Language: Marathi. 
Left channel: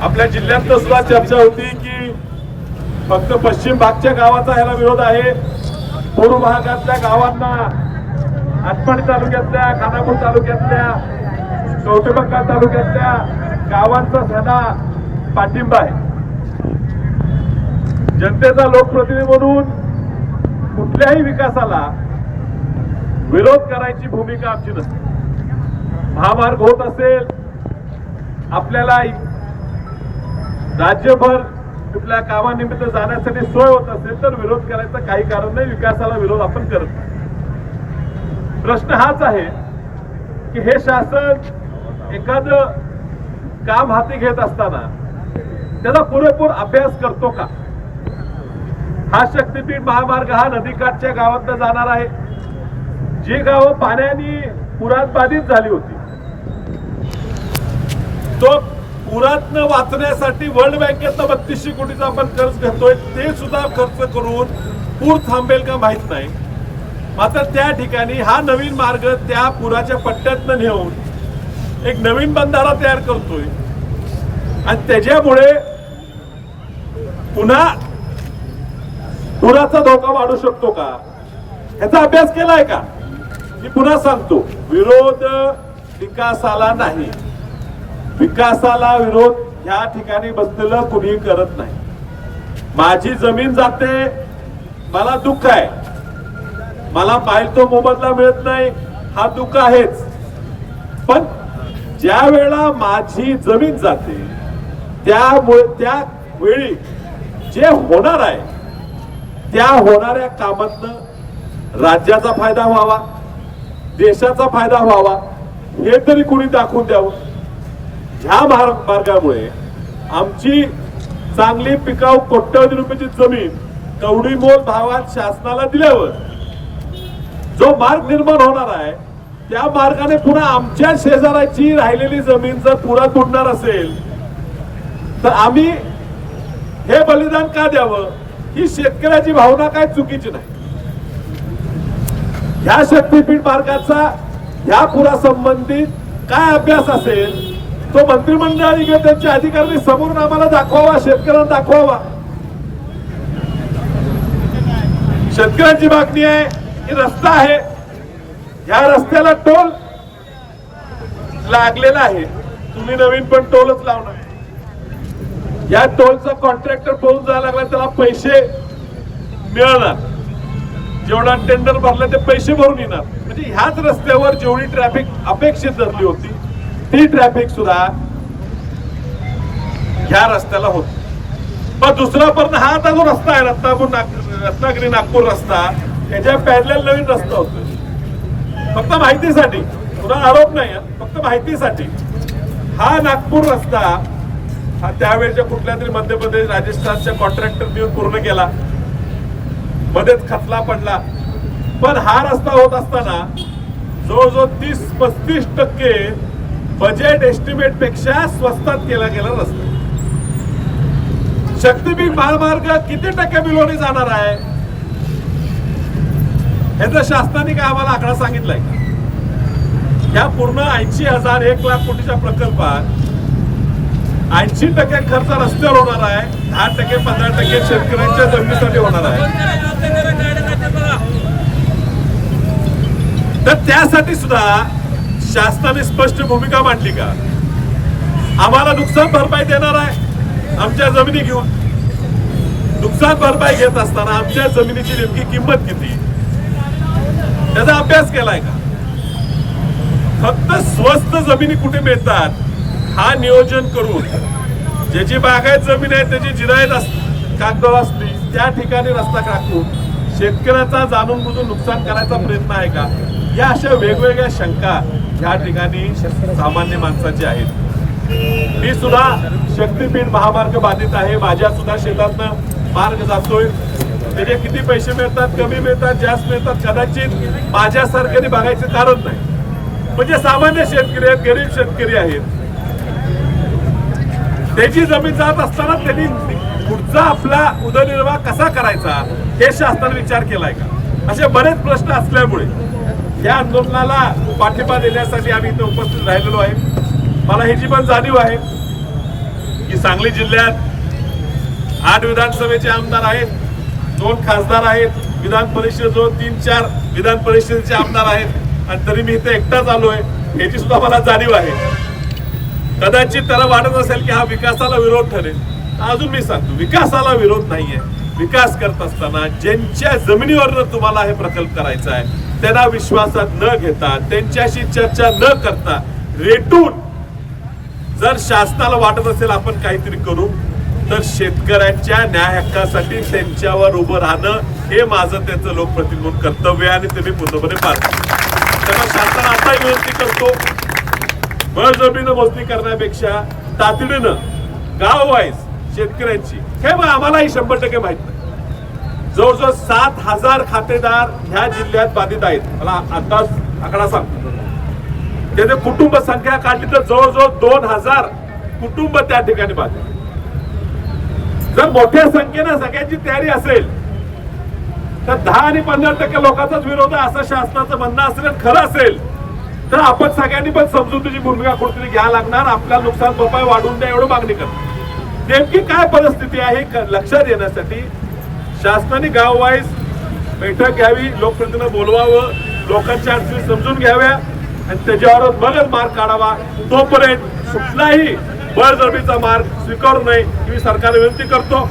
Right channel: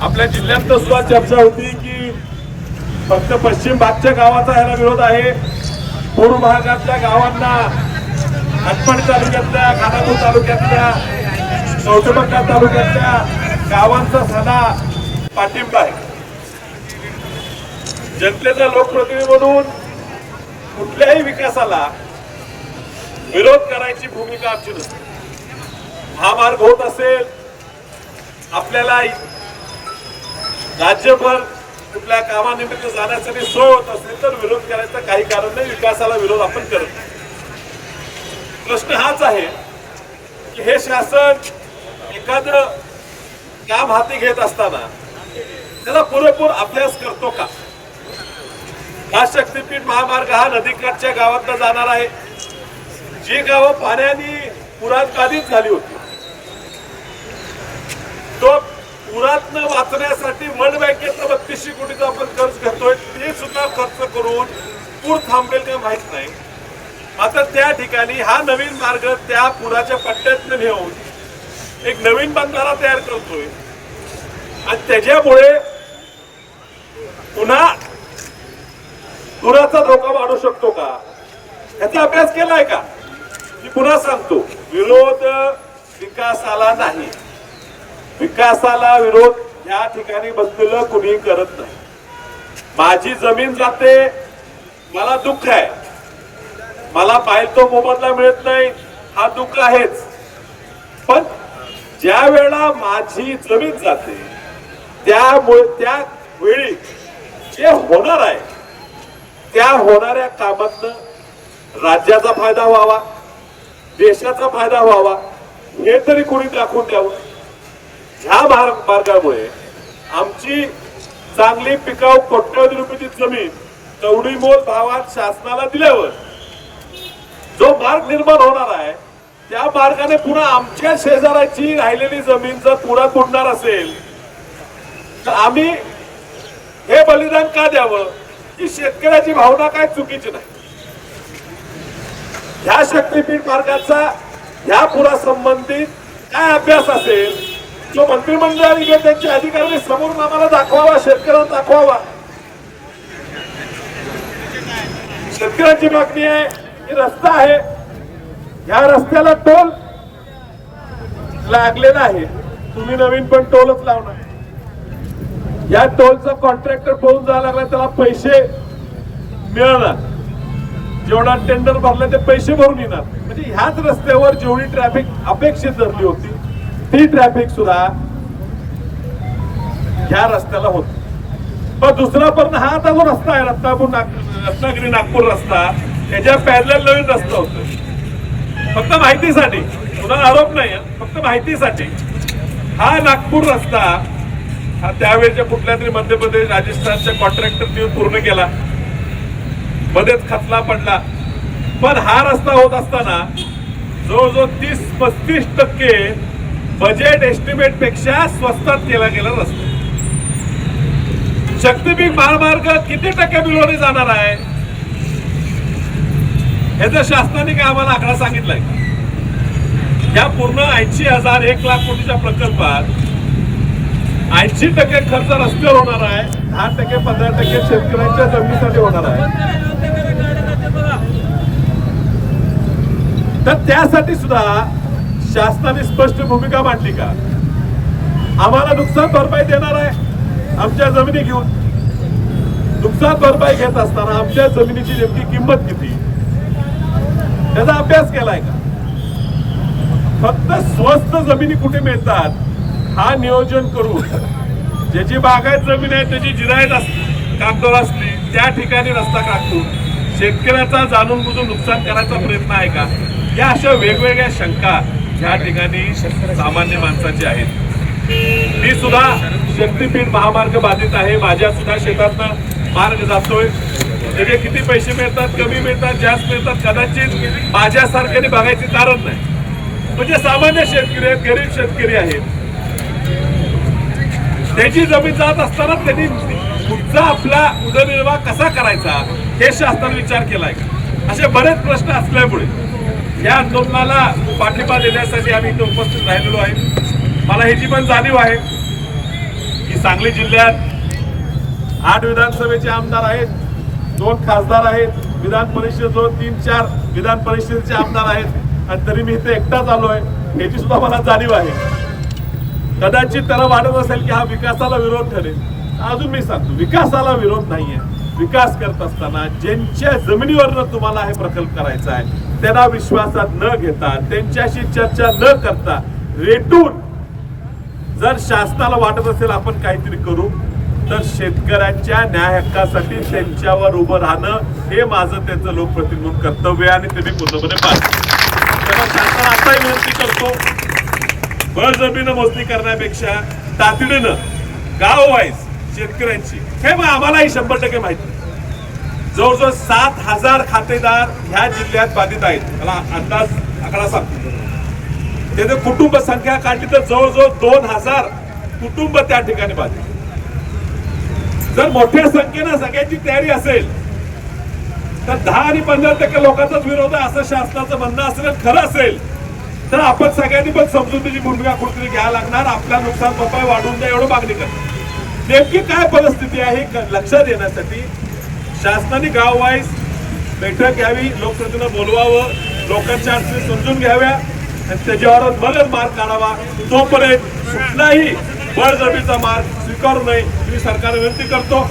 आपल्या जिल्ह्यात सुद्धा चर्चा होती की फक्त पश्चिम भागच्या गावाचा ह्याला विरोध आहे. पूर्व भागातल्या गावांना हटपड तालुक्यातल्या खानापूर तालुक्यातल्या कौटुंबका तालुक्यातल्या गावांचा सदा पाठिंबा आहे. जनतेचा लोकप्रतिनिधी म्हणून कुठल्याही विकासाला विरोध करायची भूमिका आमची नसते. महामार्ग होत असेल आपल्याला राज्यभर कुठल्या कामानिमित्त जाण्यासाठी सोय होत असेल तर विरोध करायचं काही कारण नाही. विकासाला विरोध आपण करत नाही. प्रश्न हाच आहे की हे शासन एखादं काम हाती घेत असताना त्याचा पुरेपूर अभ्यास करतो का? हा शक्तीपीठ महामार्ग हा नदीकाठच्या गावातनं जाणार आहे. जी गावं पाण्याने पुरात बाधित झाली होती तो पुरातनं वाचण्यासाठी वर्ल्ड बँकेतनं बत्तीसशे कोटीचा आपण कर्ज घेतोय ते सुद्धा खर्च करून पूर थांबेल का माहीत नाही. मात्र त्या ठिकाणी हा नवीन मार्ग त्या पुराच्या पट्ट्यातनं नेऊन एक नवीन बंधारा तयार करतोय. आणि त्याच्यामुळे पुन्हा पुराचा धोका वाढू शकतो का? याचा अभ्यास केलाय का? मी पुन्हा सांगतो विरोध विकासाला नाही. विकासाला विरोध या ठिकाणी बसलेलं कुणी करत नाही. माझी जमीन जाते मला दुःख आहे. मला पाहिजे तो मोबदला मिळत नाही हा दुःख आहेच. पण ज्या वेळा माझी जमीन जाते त्यामुळे त्या वेळी जे होणार आहे त्या होणाऱ्या कामातनं राज्याचा फायदा व्हावा देशाचा फायदा व्हावा हे तरी कुणी दाखवून द्यावं? ह्या मार्गामुळे आमची चांगली पिकाऊ कोट्यवधी रुपयाची जमीन कवडी मोल भावात शासनाला दिल्यावर जो मार्ग निर्माण होणार आहे त्या मार्गाने पुन्हा आमच्या शेजाराची राहिलेली जमीन जर पुरा तुटणार असेल तर आम्ही हे बलिदान का द्यावं? ही शेतकऱ्याची भावना काय चुकीची नाही. ह्या शक्तीपीठ मार्गाचा ह्या पुरासंबंधित काय अभ्यास असेल तो मंत्रिमंडळाने किंवा त्यांच्या अधिकाऱ्यांनी समोरून आम्हाला दाखवावा शेतकऱ्यांना दाखवावा. शेतकऱ्यांची मागणी आहे की रस्ता आहे. या रस्त्याला टोल लागलेला आहे. तुम्ही नवीन पण टोलच लावणार. या टोलचा कॉन्ट्रॅक्टर पळून जायला लागला त्याला पैसे मिळणार. जेवढा टेंडर भरला ते पैसे भरून येणार. म्हणजे ह्याच रस्त्यावर जेवढी ट्रॅफिक अपेक्षित धरली होती ती ट्रॅफिक सुद्धा ह्या रस्त्याला होत पण दुसरा पण हा आता जो रस्ता आहे रत्नापूर रत्नागिरी नागपूर रस्ता त्याच्या पॅरल नवीन रस्ता होतोय. फक्त माहितीसाठी पुन्हा आरोप नाही फक्त माहितीसाठी हा नागपूर रस्ता हा त्यावेळेच्या कुठल्या तरी मध्य प्रदेश राजस्थानच्या कॉन्ट्रॅक्टर देऊन पूर्ण केला. मध्येच खचला पडला. पण हा रस्ता होत असताना जवळजवळ तीस पस्तीस टक्के बजेट एस्टिमेटपेक्षा स्वस्तात केला गेला रस्ता. शक्तीपीठ महामार्ग किती टक्के बिलोने जाणार आहे? ह्याचं शासनाने काय आम्हाला आकडा सांगितलाय का? या पूर्ण ऐंशी हजार एक लाख कोटीच्या प्रकल्पात ऐंशी टक्के खर्च रस्त्यावर होणार आहे दहा टक्के पंधरा टक्के शेतकऱ्यांच्या जमिनीसाठी होणार आहे. तर त्यासाठी सुद्धा शासनाने स्पष्ट भूमिका मांडली का? आम्हाला नुकसान भरपाई देणार आहे आमच्या जमिनी घेऊन. नुकसान भरपाई घेत असताना आमच्या जमिनीची नेमकी किंमत किती? त्याचा अभ्यास केलाय का? फक्त स्वस्त जमिनी कुठे मिळतात हा नियोजन करून ज्याची बागायत जमीन आहे त्याची जिरायत अस कागदोर असली त्या ठिकाणी रस्ता काढून शेतकऱ्याचा जाणून बुजून नुकसान करायचा प्रयत्न आहे का? या अशा वेगवेगळ्या शंका या ठिकाणी सामान्य माणसाचे आहेत. मी सुद्धा शक्तीपीठ महामार्ग बाधित आहे. माझ्या सुद्धा शेतातनं मार्ग जातोय. त्याचे किती पैसे मिळतात कमी मिळतात जास्त मिळतात कदाचित माझ्यासारख्याने बघायचे कारण नाही. म्हणजे सामान्य शेतकरी आहेत गरीब शेतकरी आहेत. त्याची जमीन जात असताना त्यांनी पुढचा आपला उदरनिर्वाह कसा करायचा हे शासनाने विचार केलाय का? असे बरेच प्रश्न असल्यामुळे. या आंदोलनाला पाठिंबा देण्यासाठी आम्ही इथे उपस्थित राहिलेलो आहे. मला ह्याची पण जाणीव आहे की सांगली जिल्ह्यात आठ विधानसभेचे आमदार आहेत दोन खासदार आहेत विधान परिषदेजवळ तीन चार विधान परिषदेचे आमदार आहेत आणि तरी मी इथे एकटाच आहे ह्याची सुद्धा मला जाणीव आहे. कदाचित त्याला वाटत असेल की हा विकासाला विरोध ठरेल. अजून मी सांगतो विकासाला विरोध नाहीये. विकास करत असताना ज्यांच्या जमिनीवरनं तुम्हाला हे प्रकल्प करायचा आहे त्यांना विश्वासात न घेता त्यांच्याशी चर्चा न करता रेटून जर शासनाला वाटत असेल आपण काहीतरी करू तर शेतकऱ्यांच्या न्याय हक्कासाठी त्यांच्यावर उभं राहणं हे माझं त्यांचं लोकप्रतिनिधी कर्तव्य आहे आणि ते मी पूर्णपणे पाहतो तेव्हा शासनाला आताही विनंती करतो बळजबरीनं मोजणी करण्यापेक्षा तातडीनं गाव वाईज शेतकऱ्यांची हे मग आम्हालाही शंभर टक्के माहीत नाही. जवळजवळ सात हजार खातेदार ह्या जिल्ह्यात बाधित आहेत. मला अंदाज आकडा सांगतो त्याने कुटुंब संख्या काढली तर जवळजवळ दोन हजार कुटुंब त्या ठिकाणी बाधित जर मोठ्या संख्येनं सगळ्यांची तयारी असेल तर दहा आणि पंधरा टक्के लोकांचाच विरोध आहे असं शासनाचं म्हणणं असेल खरं असेल तर आपण सगळ्यांनी पण समजुतीची भूमिका कुठेतरी घ्यायला लागणार. आपल्या नुकसान भरपाई वाढवून द्या एवढं मागणी करणार. नेमकी काय परिस्थिती आहे लक्षात येण्यासाठी शासनाने गाववाईज बैठक घ्यावी लोकप्रतिनिधींना बोलवावं लोकांच्या अडचणी समजून घ्याव्या आणि त्याच्यावर मगच मार्ग काढावा. तोपर्यंत कुठलाही बळजबीचा मार्ग स्वीकारू नये मी सरकारला विनंती करतो.